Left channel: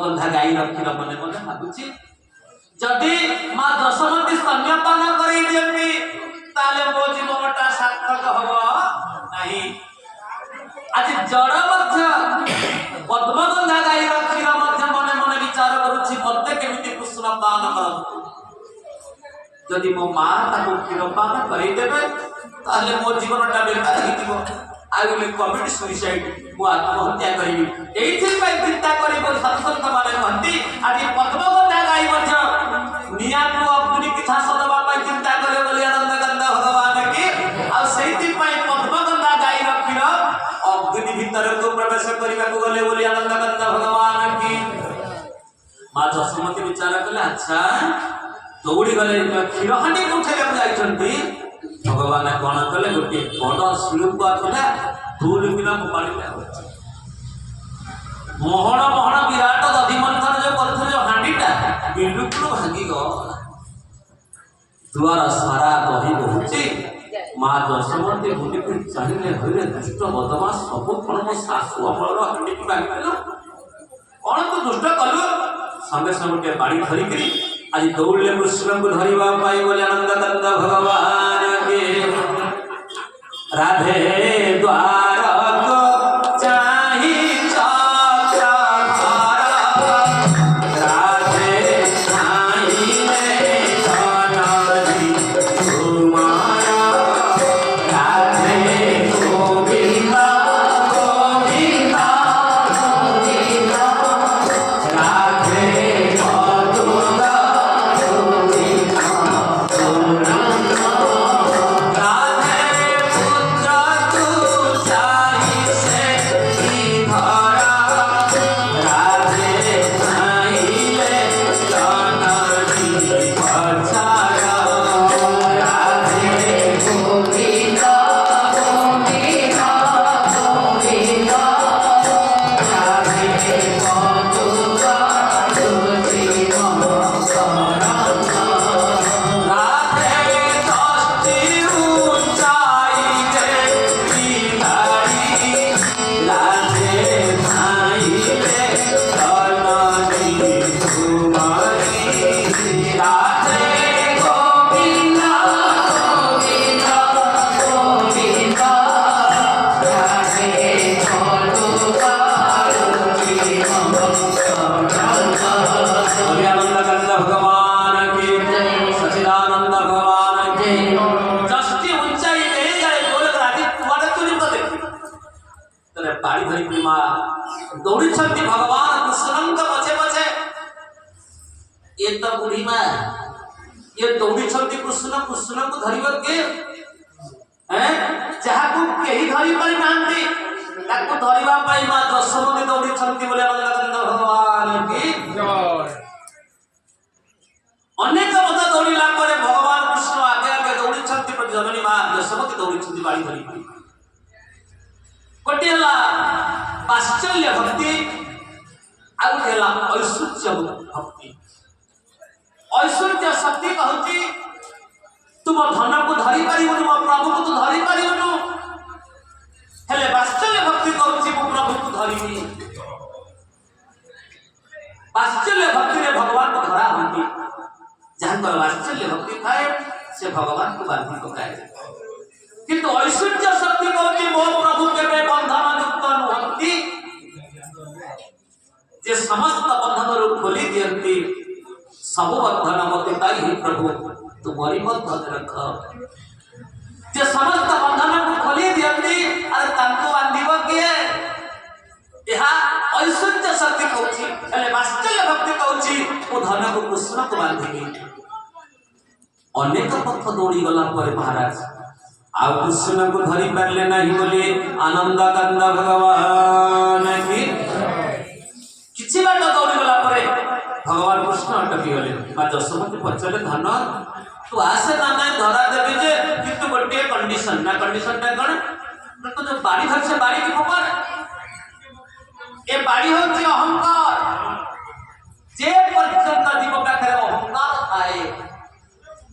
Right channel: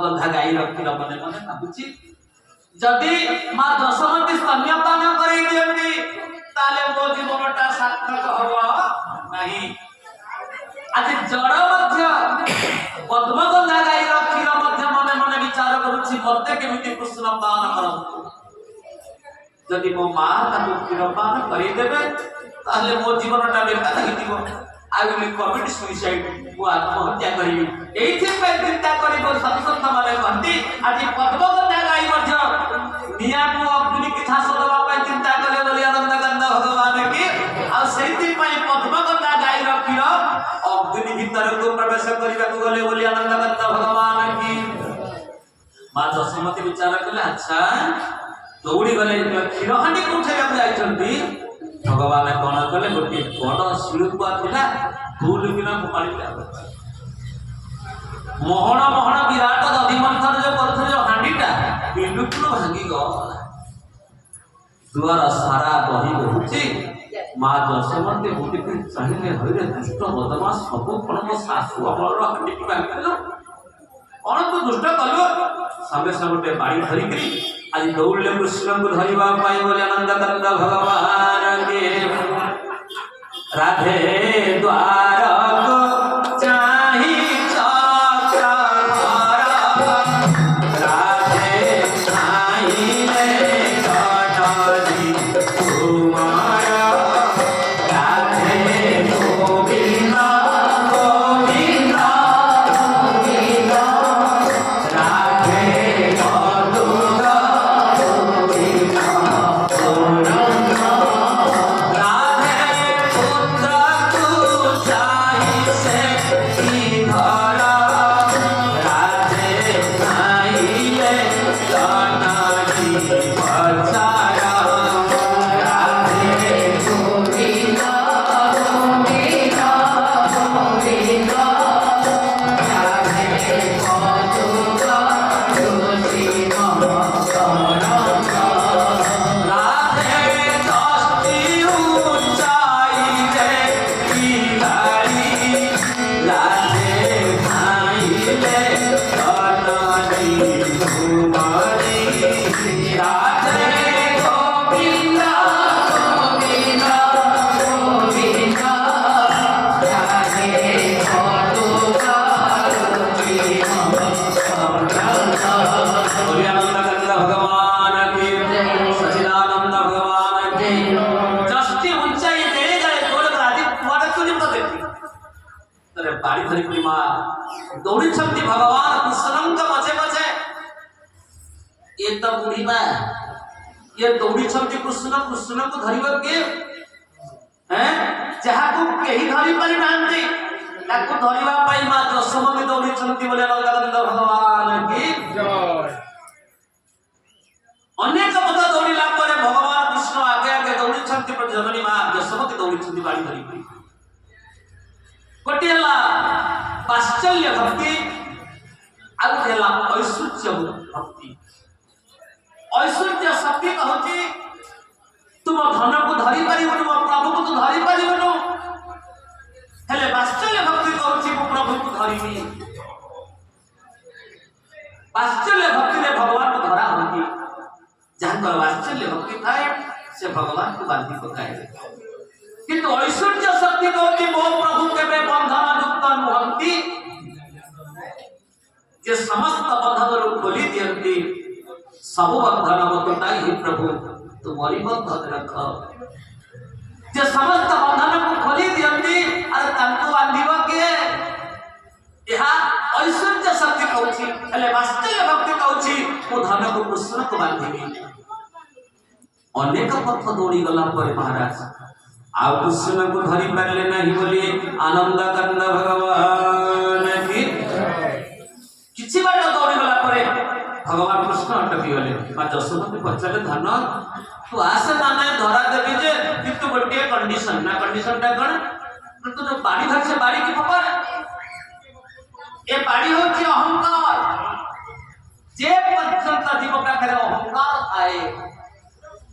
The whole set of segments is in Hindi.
पद्मगंधा गाई रखी मन मन भावुची जदि माँ दशमती स्तन्यपान कर मो जीवनटा सार्थक हम नहीं। आज जड़ पद्मगंधा गाई रखी मन मन विचार करुच्ची मत केमी कृष्ण पान कर जदि मो माँ क्षीर पान करदे मो जीवनटा बेकार हो आई विल कमिट सुइसाइड मु आत्महत्या करी चिंता करी सतसंत माने कहती आज पद्मगंधा गाई निया अग्नि की झांस दवा चिंता करे बोली आनंद गंगा भगवान की पद्मगंधा गाई क्षीर अग्नि भीतर को प्रवेश करने को गले बोली आनंद गंगा भगवान की। माँ जसमती विचार कले अच्छा दौड़ी गले क्षीर हांडी को उठाई जाइछंती भगवान कौन कले गोटे बड़ शिल्पुआ था दूर किना पानी मोहन मोहन विराट दधि मंथन जो कर हांडीटा बिल्कुल भांगी गला दुआर सारा दही बहुची। माँ जसमती बुटी चाहिए हरे दुष्ट बदमाश सब कौन मो शाशु अमर हांडी की भांगी कौन तू दुष्ट कलु संगे संगे गोटे बाड़ी धरिकी आज दौड़े कृष्ण को धरवा बोले आनंद गंगा भगवान के राधे द्वार को चाही बाड़ी धरी माँ दौड़ी भगवान कृष्ण पछे पछे ये तो बुढ़ी माँ ये दौड़ी कृष्ण कृष्ण को धरिबा के हैं जहा को केही धरि पारि नांती ताको धरिबा पाई माँ दशमती दौड़ी बोले आनंद भगवान की जय। अनेक मत दौड़िला परे भगवान कृष्ण आगे आगे दौड़ी पर जननी माँ दशमती दौड़ी बाड़ी धरी गोटेला पाश्चल्य भक्ति आउला ऐश्वर्य भक्ति। ऐश्वर्य शक्ति कहूची तुम धन को धरी पारिबनु मो प्रभु को तो धरी पारिबनु हेले पाश्चल्य भक्ति कहूची मो प्रभु को धरिनी। पाश्चल्य भक्ति रे भगवान को धरा होती जहां पाश्चल्य भक्ति थाए से भगवान को बांधी पकाए किंतु ऐश्वर्य शक्ति कहूची मो प्रभु केबे बंधन युक्त नुहंती जे समस्त बंधन खोली दियंती सब बंधन बतिताई ही प्रभु तुम्हारी बंधन रख जे समस्त बंधन को खोली दियंती अरे तंतु बांधिबो के यहा ऐश्वर्य शक्ति कहूची हेले वास्तल्य भक्ति कहूची ओ धन को कृष्ण को बांधिबी। अनेक पथ दौड़ी गला पर महाराज आ कृष्ण को धरी पारे नहीं बोले आनंद गंगा भगवान की किसी बात दौड़ी गला परे भगवान कृष्ण अटकी गले। माँ जसमती पचारे धन तू आसे ना नहीं धरा देवी जे किंतु गोटे कंडीशन ना कंडीशन टा कौन तो जो बाड़ी धर से बाड़ी की खबर ए बाड़ी होची अहंकार जे पर्यंत जीव पाखरे अहंकार आए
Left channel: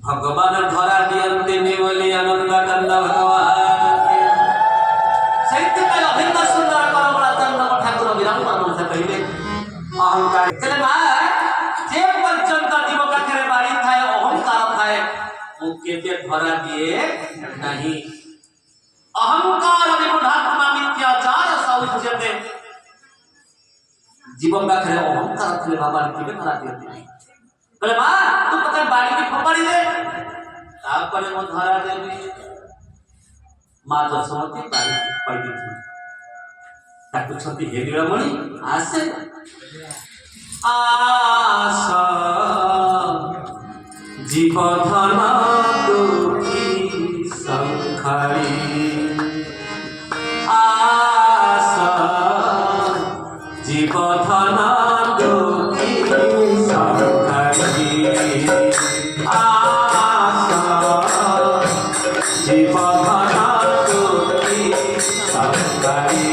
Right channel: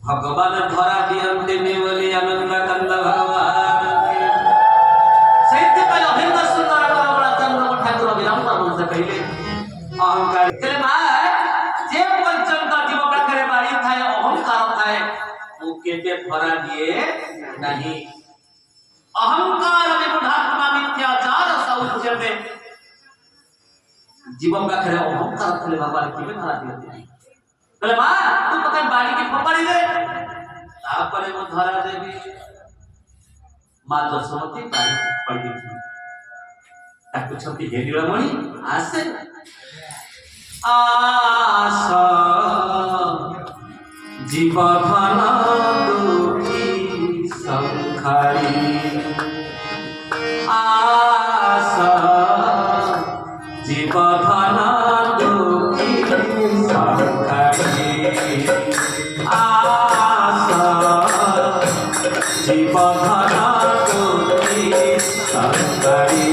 भगवान धरा दियंते बोली आनंद गंगा भगवान सहित्य का अभिन्न सुंदर करमला चंद्र ठाकुर विराम से पहले ଅହଙ୍କାର ହେଲେ ମା ଯେ ପର୍ଯ୍ୟନ୍ତ ଜୀବ ପାଖରେ ବାଡ଼ି ଥାଏ ଅହଙ୍କାର ଥାଏ ମୁଁ କେବେ ଧରା ଦିଏ ନାହିଁ। ଅହଙ୍କାର ବିମୂଢ଼ାତ୍ମା ମିଥ୍ୟାଚାର ଶୌଚତେ ଜୀବ ପାଖରେ ଅହଙ୍କାର ଥିଲେ ଭଗବାନ କେବେ ଧରା ଦିଅନ୍ତି ନାହିଁ। କହିଲେ ମା ତୁ କଥା ବାଡ଼ିକି ଫୋପାଡ଼ି ଦେ ତାପରେ ମୁଁ ଧରା ଦେବି। ମା ଯଶୋମତୀ ବାଡ଼ି ଫୋପାଡ଼ି ଦେଇଛନ୍ତି। ଡାକୁଛନ୍ତି ହେ ନୀଳମଣି ଆସେ ଆସ ଜୀବଧନ ଦୁଃଖୀ ସଂଖାଳି ଆସ ଜୀବଧନ ଦୁଃଖୀ ସଂଖାଳି ଆସ ଜୀବଧନ ଦୁଃଖୀ ସଂଖାଳି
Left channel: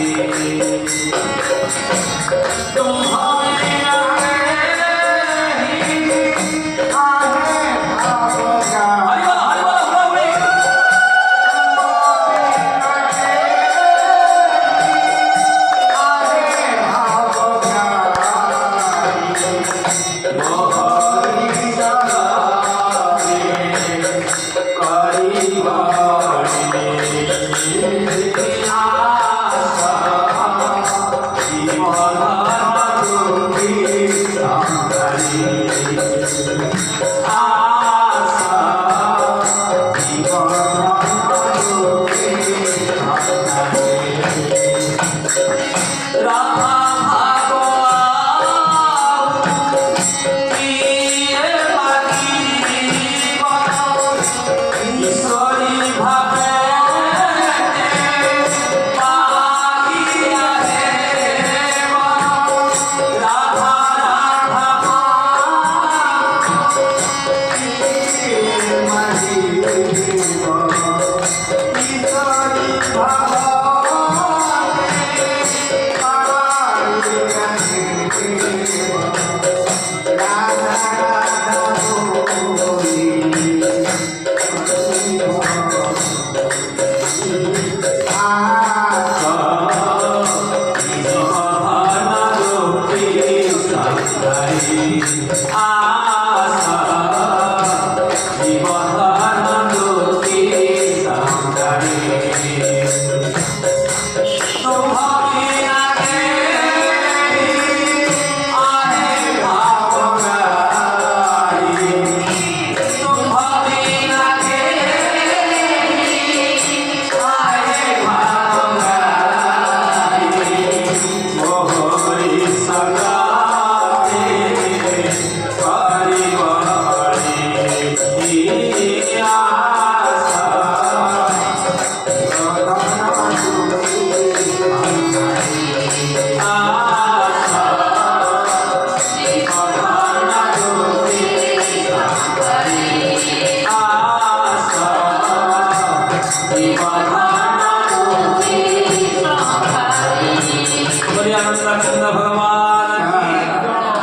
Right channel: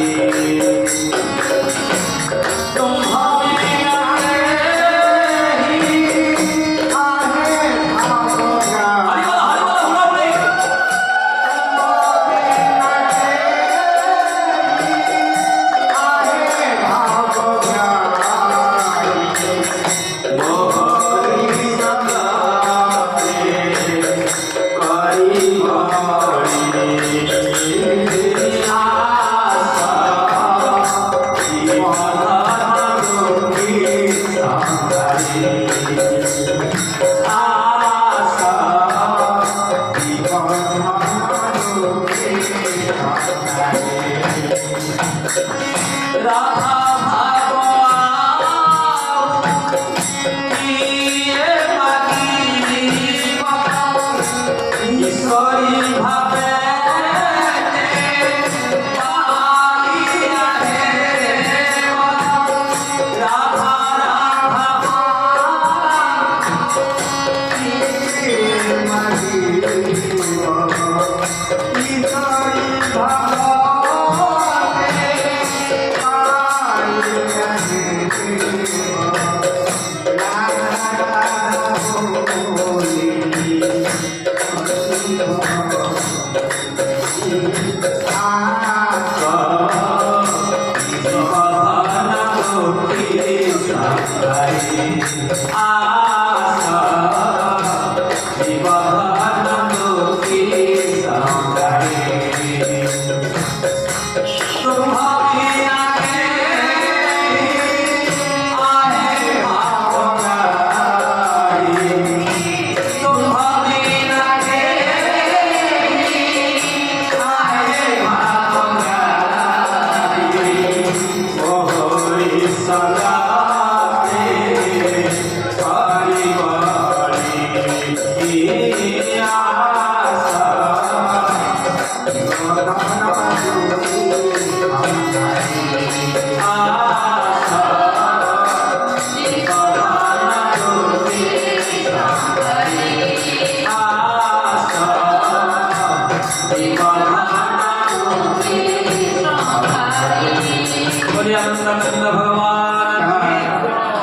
भगवान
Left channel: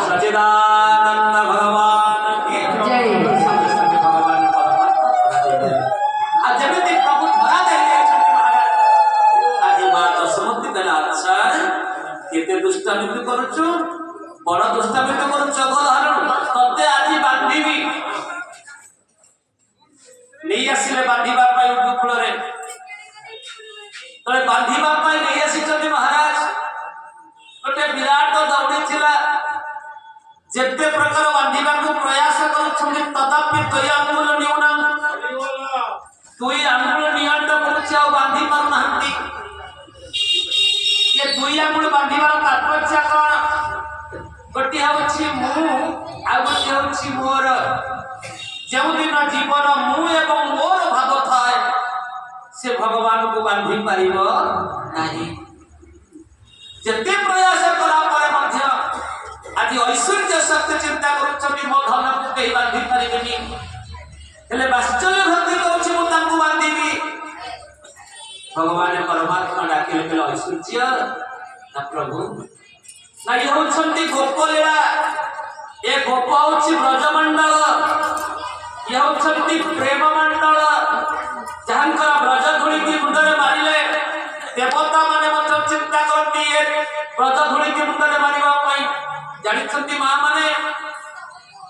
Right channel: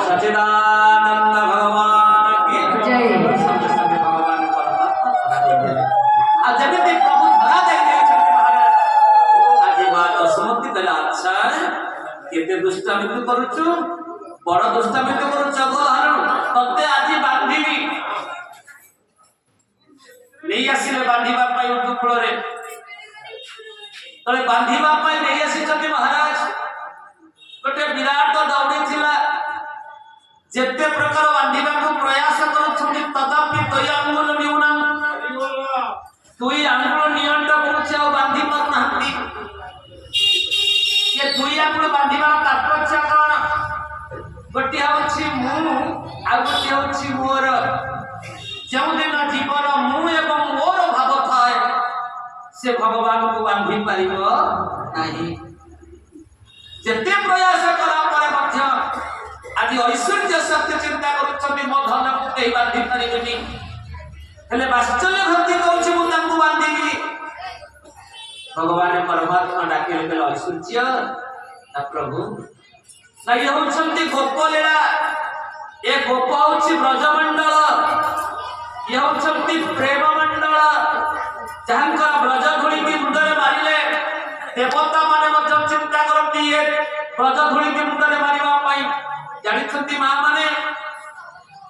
सचिदानंद भगवान की भगवान आज जमीती प्रभु धरा जाइए महाराज आज मां यशोमती कहला अच्छा केते दुष्टामित करूछु बड़ दुष्टामित करूछु जगधारण तते आज बांधीबी नहीं आसिले बांधीबा पाई उर्दू फूल रे तले बांधीबा पाई नहीं आसी महाराज गोटे विराट दौड़ी थिला जेते प्रकार बांधीबा को प्रयास करूछथि तदापि दुई आंगुल निउना दुई आंगुल नियंड करूछ आ बांधी पारु नाहंती ये दुई आंगुल बांधीबार तात्पर्य कोन गोटे होछि मु आ गोटे होछि मोर जेउ दिन जीवन मु एवं मोर भाव थाए से भगवान को बांधी पारिबो नाही जेते प्रयास करा पर मध्य आज ऐश्वर्य सत्य चिंता करूछथि मो धन को केही बांधी पारिबेनी हेले वास्तव्य भक्ति कहूछि मु तांको बांधीबी भगवान परमात्मा डाकिले कहले ऐश्वर्य ना प्रभु ना ये होछंती गोप लीला ए गोप होछि ब्रजमंडल ये होछंती प्रेम मंडल जहांकर ब्रज धूली की मुंडरे मारिले देवता माने मत चिंता करती है ब्रज धूली की मुंडरे मारिबा पई ଜାଣିଛନ୍ତି ମା ମାନେ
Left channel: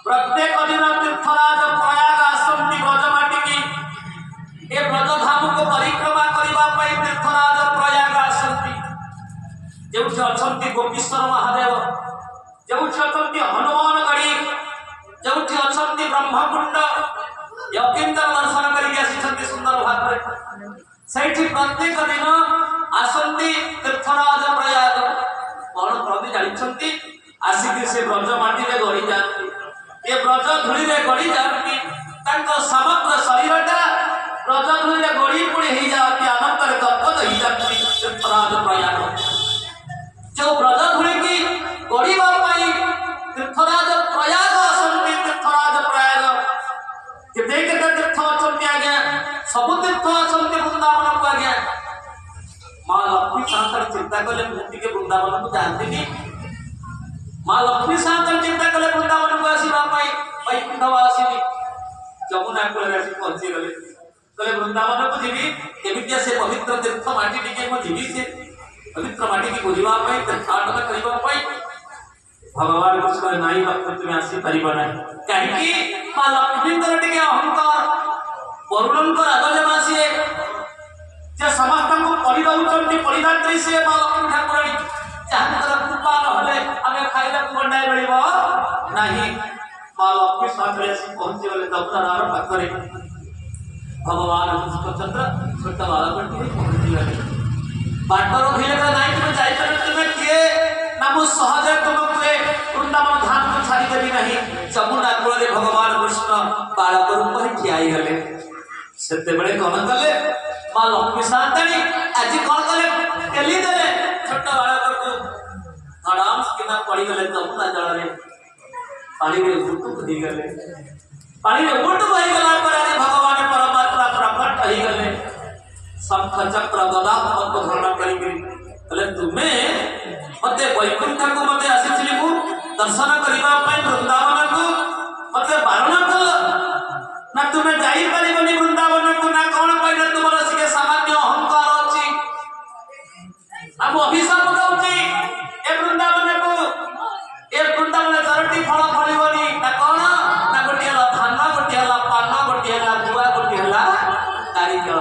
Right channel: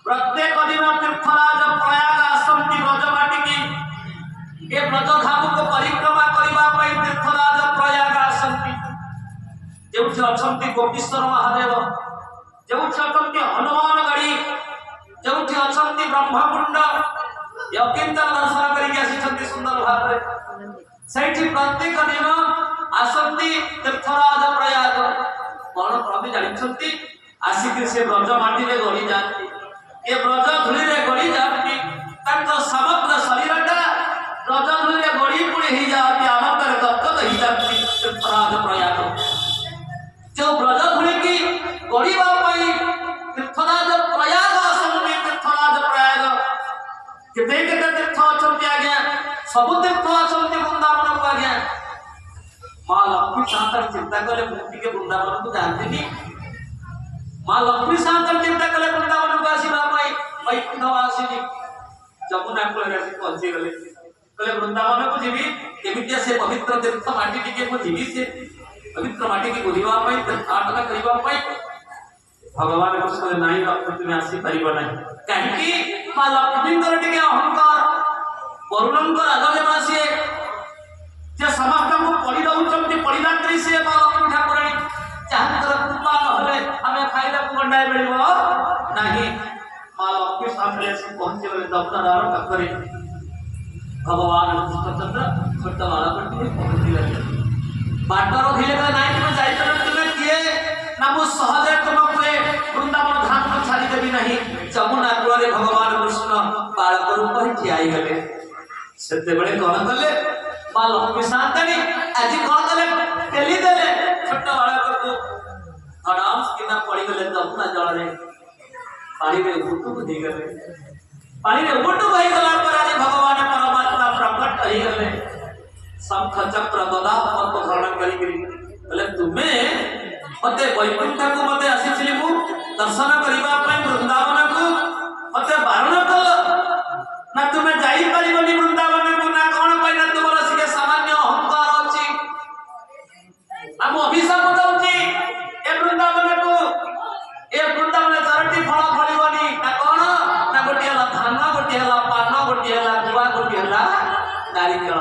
ପ୍ରତ୍ୟେକ ଦିନ ତୀର୍ଥରାଜ ପ୍ରୟାଗ ଆସନ୍ତି ବ୍ରଜ ମାଟିକି ଏ ବ୍ରଜ ଧାମକୁ ପରିକ୍ରମା କରିବା ପାଇଁ ତୀର୍ଥରାଜ ପ୍ରୟାଗ ଆସନ୍ତି ଯେଉଁଠି ଅଛନ୍ତି ଗୋପୀଶ୍ୱର ମହାଦେବ ଯେଉଁଠି ଅଛନ୍ତି ହନୁମାନ ଗଡ଼ି ଯେଉଁଠି ଅଛନ୍ତି ବ୍ରହ୍ମକୁଣ୍ଡ ୟକିନ୍ଦର ଦର୍ଶନ କରିକି ଆସିଛନ୍ତି ସୁନ୍ଦର ଭାବରେ ସେଇଠି ପ୍ରତ୍ୟେକ ଦିନ ଆସନ୍ତି ତୀର୍ଥରାଜ ପ୍ରୟାଗ କଣ କରନ୍ତି ଜାଣିଛନ୍ତି ଆସିକି ସେ ବ୍ରଜ ମାଟିରେ ଗଡ଼ି ଯାଆନ୍ତି ଏ ବ୍ରଜ ଧୂଳିରେ ଗଡ଼ି ଯାଆନ୍ତି ତାଙ୍କ ସମଗ୍ର ଶରୀରଟା ବ୍ରଜ ଧୂଳିରେ ଗଡ଼ି ପୁଣି ହେଇଯାଆନ୍ତି ଆନନ୍ଦରେ ଗଦଗଦ ହେଇଯାନ୍ତି ତୀର୍ଥରାଜ ପ୍ରୟାଗ ଯେଉଁ ବ୍ରଜ ଧୂଳିକି ଗଡ଼ିବା ପାଇଁ ତୀର୍ଥରାଜ ପ୍ରୟାଗ ଆସନ୍ତି ତୀର୍ଥରାଜ ପ୍ରୟାଗ କେତେ କେତେ ତୀର୍ଥ ଅଛନ୍ତି ଆଜ୍ଞା ସବୁ ତୀର୍ଥ ଅଛନ୍ତି ବୃନ୍ଦାବନକୁ ଆଜ୍ଞା ମା ଲକ୍ଷ୍ମୀ ସାନ୍ତର ଚିନ୍ତା କଲେ ମୁଁ ଟିକେ ବୃନ୍ଦାବନକୁ ଯାଆନ୍ତିନି ମା ଲକ୍ଷ୍ମୀ ସାନ୍ତର ଚିନ୍ତା କଲେ ବୃନ୍ଦାବନକୁ ଆସିବା ପାଇଁ ବୈକୁଣ୍ଠବାସିନୀ ଯମୁନା କୂଳରେ ଆସି ପହଞ୍ଚିଗଲେ କହିଲେ ବୃନ୍ଦାବନକୁ ଯିବି କେମିତିଆ ସେ ପବିତ୍ର ତୀର୍ଥ ମାଟି ଟିକେ ମୁଁ ଯିବି ସେ ପବିତ୍ର ମାଟିକି ବୁଝିବା ପାଇଁ ତୀର୍ଥାଟନ କରିବା ପାଇଁ ଭଗବାନ କୃଷ୍ଣ ନାଇଁ ଲକ୍ଷ୍ମୀ ତୁମେ ଆସିପାରିବ ନାହିଁ କାହିଁକି ମା ଲକ୍ଷ୍ମୀଙ୍କର ଟିକେ ଅହଙ୍କାର ବରୁଣଙ୍କ ରାଜଜମା ସିଏ ଯେ ସମସ୍ତଙ୍କୁ ପଡ଼ି ଦଉଛନ୍ତି ପରିଦାତ୍ରୀ ସିଏ ମା ଲକ୍ଷ୍ମୀ ଠାକୁରାଣୀ ଯାହାଙ୍କର କୃପା ନହେଲେ ଆମେ ଖାଇବାକୁ ଗଣ୍ଡାଏ ମିଳିବ ନାହିଁ ମା ଲକ୍ଷ୍ମୀ ସାଙ୍ଗରେ ଆସି ପହଞ୍ଚିଗଲେ ଦକ୍ଷିଣାର ପାଖରେ ଭଗବାନ କୃଷ୍ଣଚନ୍ଦ୍ର ଛୋଟ ବାଳକଟିଏ ପହଞ୍ଚିଗଲେ ବାଟର ଭିଡ଼ରେ ନାଇଁ ତୁମେ ଯାଇପାରିବ ତୁମେ କିଏ ନା ମୁଁ ସହଜରେ ତୁମକୁ ଏ ବୃନ୍ଦାବନ ଧାମକୁ ଛାଡ଼ିଦେବି ନାହିଁ ଯମୁନା କୂଳରେ ଭଗବାନ କୃଷ୍ଣ ବାଳକ ରୂପରେ ଠିଆ ହେଇଗଲେ ସେତେବେଳେ କଣ କଲେ ମା ଲକ୍ଷ୍ମୀ ସାନ୍ତାଣୀ ଆଜି କଣ କଲେ ପେଲି ଦେଲେ ଛୋଟ ବାଳକକୁ ଧଡ଼ାମ କିନା ପଡ଼ିଗଲେ ଯମୁନା ଜଳରେ ପାଣିରେ ଉଟୁକୁ ଦେଇଗଲେ ପାଣିରେ ଉଟୁକୁ ହେଇଗଲା ପରେ ଆଜି ଭଗବାନ ପରମାତ୍ମା ପ୍ରକଟ ହେଇଗଲେ ଶଙ୍ଖ ଚକ୍ର ଗଦା ପଦ୍ମ ଧାରଣ କରିକିରି କହିଲେ ତୁମେ ମତେ ବୈକୁଣ୍ଠକୁ ମତେ ଆସିଥିଲି ମୁଁ ଦର୍ଶନ କରିବା ପାଇଁ ବୃନ୍ଦାବନକୁ ମତେ ବାରଣ କଲ ନା ତୁମେ ଯାଇପାରିବନି ବୃନ୍ଦାବନକୁ ନା କଣ ପାଇଁ ନା ତୁମର ସିଏ ସାମାନ୍ୟ ଅହଙ୍କାର ଅଛି ଆମ ଅଭିଶାପ ଦଉଛି ଏ ବୃନ୍ଦାବନକୁ ଏ ବୃନ୍ଦାବନ ଚାରୋଟି ଫଳ ଫଳିବନି ନା କଣ ନା ଗୋଟିଏ ହେଲା ଧାନ ଗୋଟିଏ ହେଲା ପାନ ଗୋଟିଏ ହେଲା ଗୁଆ ଗୋଟିଏ ହେଲା ନାରିକେଳ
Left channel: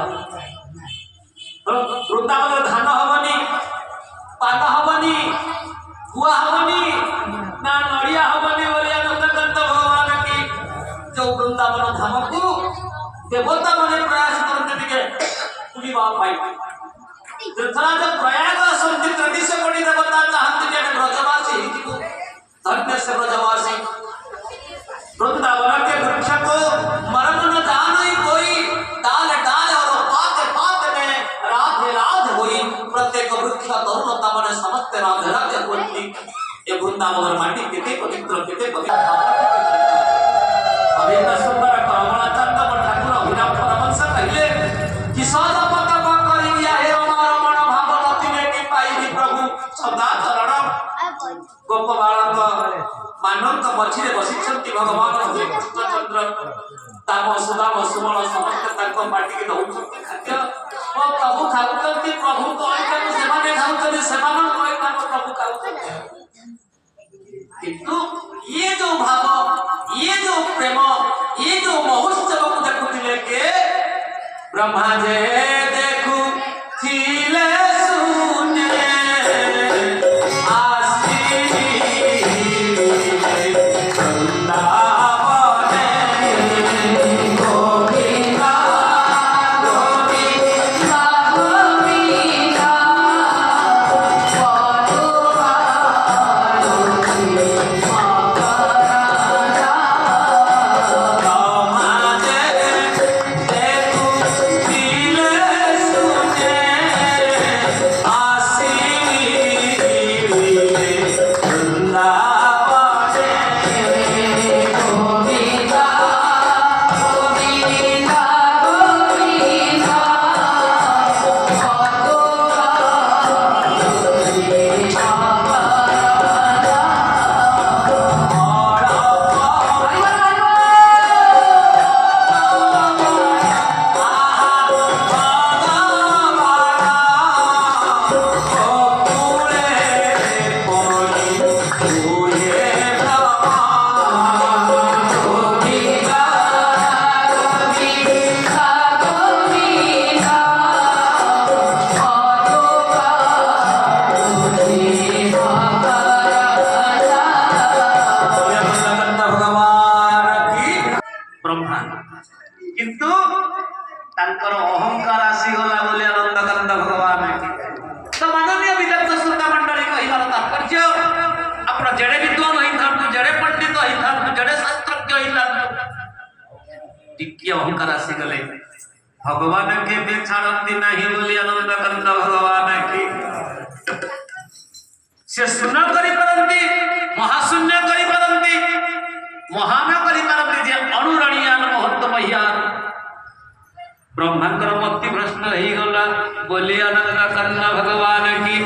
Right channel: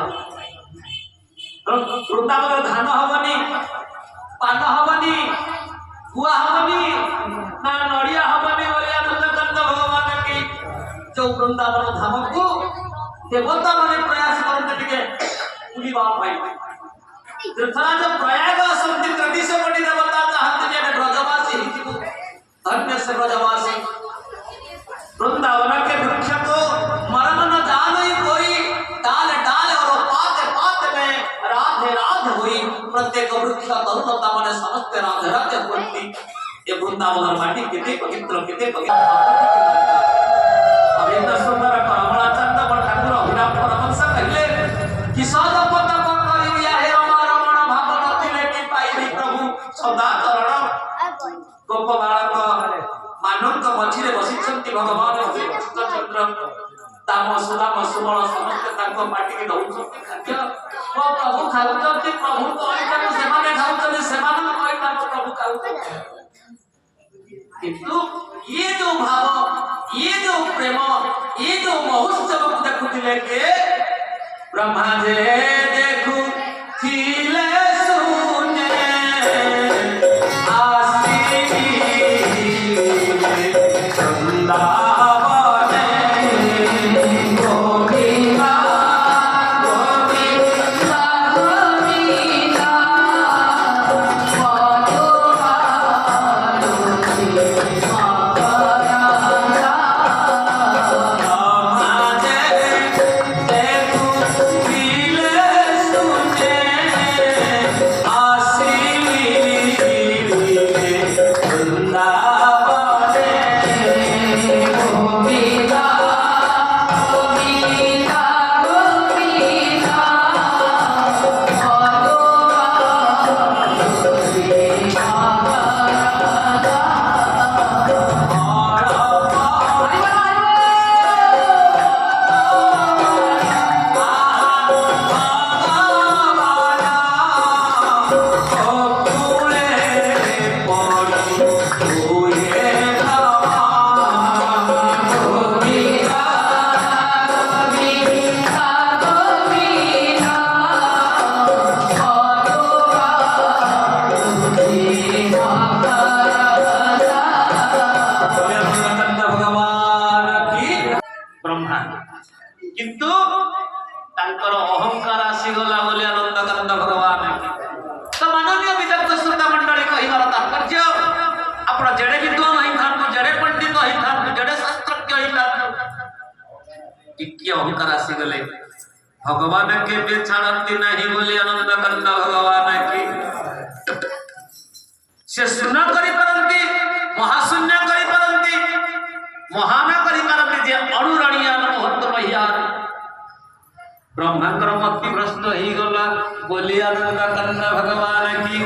ବୃନ୍ଦାବନରେ ଧାନ ହବନି ପାନ ହବନି ଗୁଆ ହବନି ନା ନଡ଼ିଆ ହବନି ବୋଲି ଆନନ୍ଦକାନ୍ତ ଭଗବାନ କି ଯୋଉ ବୃନ୍ଦାବନ ଧାମକୁ ଦେବତା ମାନେ ପ୍ରୟାସ କରନ୍ତି ଟିକେ ବୁଲିବା ପାଇଁ ତୀର୍ଥରାଜ ପ୍ରୟାଗ ଆସନ୍ତି ତେତିଶ କୋଟି ଦେବତା ଚାହାନ୍ତି ଯେ ଆମେ ବ୍ରଜବାସୀ ହେଇଯିବୁ धन्य से ब्रजवासी वृंदावन के वृक्ष को मर्म न जाने कोई डाल डाल और पात पात में राधे राधे हुई प्रत्येक वृक्ष तरुणता मने समस्त राधे राधे बोलती ये वृंदावन माटी कितने पवित्र अभी तो सुंदर कमला चंद पर ठाकुर अभिराम परमहंस कहले कि सदा पद करिया हे रमण भावनति लेके पाई प्रभु सदा चरण गोप बालक मानव मझे बसी भगवान श्री कृष्णचंद्र ताम सुदाम सुमण समस्त पार्टी की दौरान खाद्य प्रभु खाऊ प्रभु प्रभु खाऊ किंतु ये जो भाव ये जो प्रेम ये जो महोत्सव को देखुले के ब्रह्मा जे देखु थिले Feel it. टिके अहंकार आसी गले भगवान के भी छाड़ती नहीं बोली आनंद कंद भगवान की से शून्य करी परंती महाशून्य करी परंती महान करी परंती जे अणुरणीयान महत्व महियान ब्रह्मांकर मक्ति प्रश्न ही गला बोली आनंद कंद भगवान की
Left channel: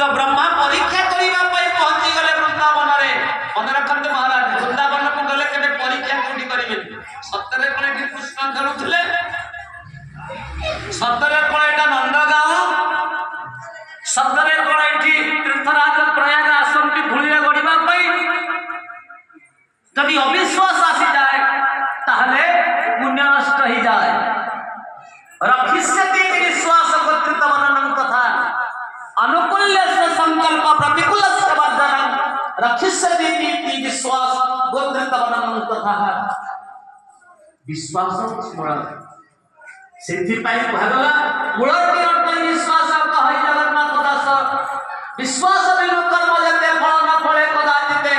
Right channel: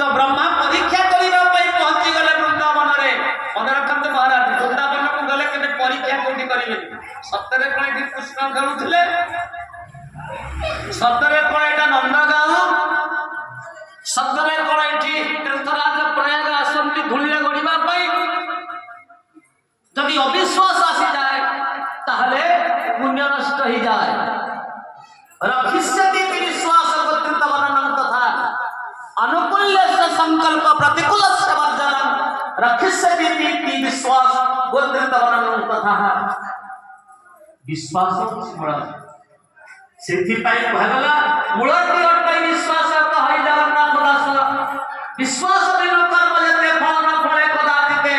तो ब्रह्मा परीक्षा करिबा पई पहुंची गले वृंदावन रे मन रखंत महाराज वृंदावन को गले केबे परीक्षा कोठी करिवे सतरे कोठी कृष्ण खेलुथिले सतरे कोठा नंदगांव सतरे कोठी तीर्थराज प्रयाग आश्रम की धूलिया गड़िबा पई जदि अविश्वास आसी जाए ताहले पुण्य नष्ट ही जाए रखिष्यति विश्वास गोत्रतवननं तथा अनुकूल्यस्य संकल्प प्रतिकूलस्य वर्जनं रखिष्यति विश्वास गोत्रतवननं तथा विश्वास स्मरण सिद्धि पाई भागला मूलटी अटै विश्वास कहाई जगन्नाथ दास विश्वास बिनु कर्म जते फल न फले कदाचिते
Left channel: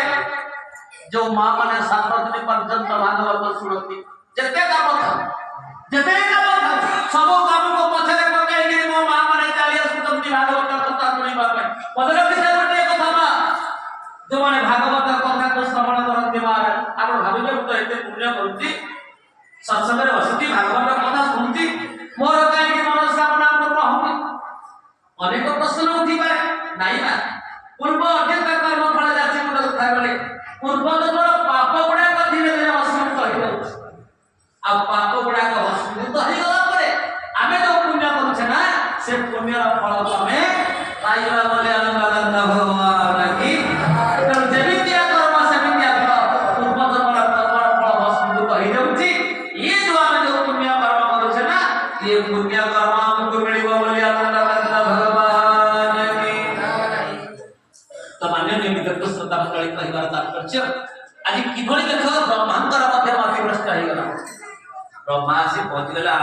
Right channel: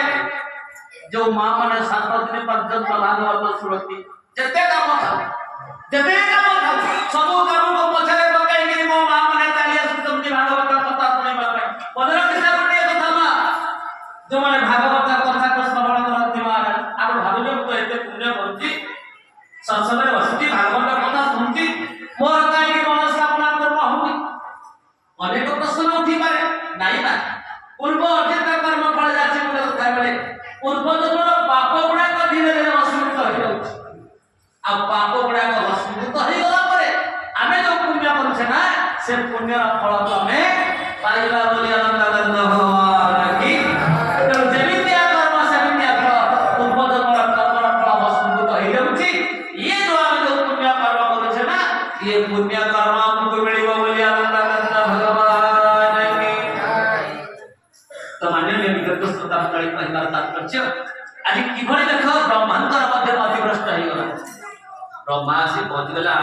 जो मां माने 7 दिन पर्यंत भागवत सुनती जते काम सब काम को पछरे पकाई कि मो मां माने चालिया सुनती भागवत कथा सुनिबा पे पदर किसा गोटे कथा मा जो माने भागवत कथा को श्रवण करते महाराज आप भाबिले तो एते पुण्य करती सत्संग रे बसती भागवत कथा सुनती मोर काई मनोकामना पूर्ण होबी अनेक प्रश्न उठी पारे नाही ना पूर्व अतीत कर्म फल जाचे मुझे कथा बले पूर्व जन्म पाप गुड़ा को धीरे धीरे भस्मीभूत हो जाउछ आ पाप गुड़ा को भस्मीभूत हो गला परे आमे जो पुण्य करछे ना से पुण्य फल को हमें पाइबा बोली आनंद गंध भगवान की तो जेमितिया कर्म सेमितिया फल पूर्व जन्म कर्म फल भस्मीभूत हो जाउछ ये जो आमे जो पुण्य कर्म करछे ना ये पुण्य कर्म हमको मिलिबो बोली आनंद गंध भगवान की तो माननीय विगत श्रोता मंडली कहबार तात्पर्य आज किभଳି देख ब्रह्मांकर मध्य अतिभ्रष्ट हो गला ब्रह्मा से पहुंच गला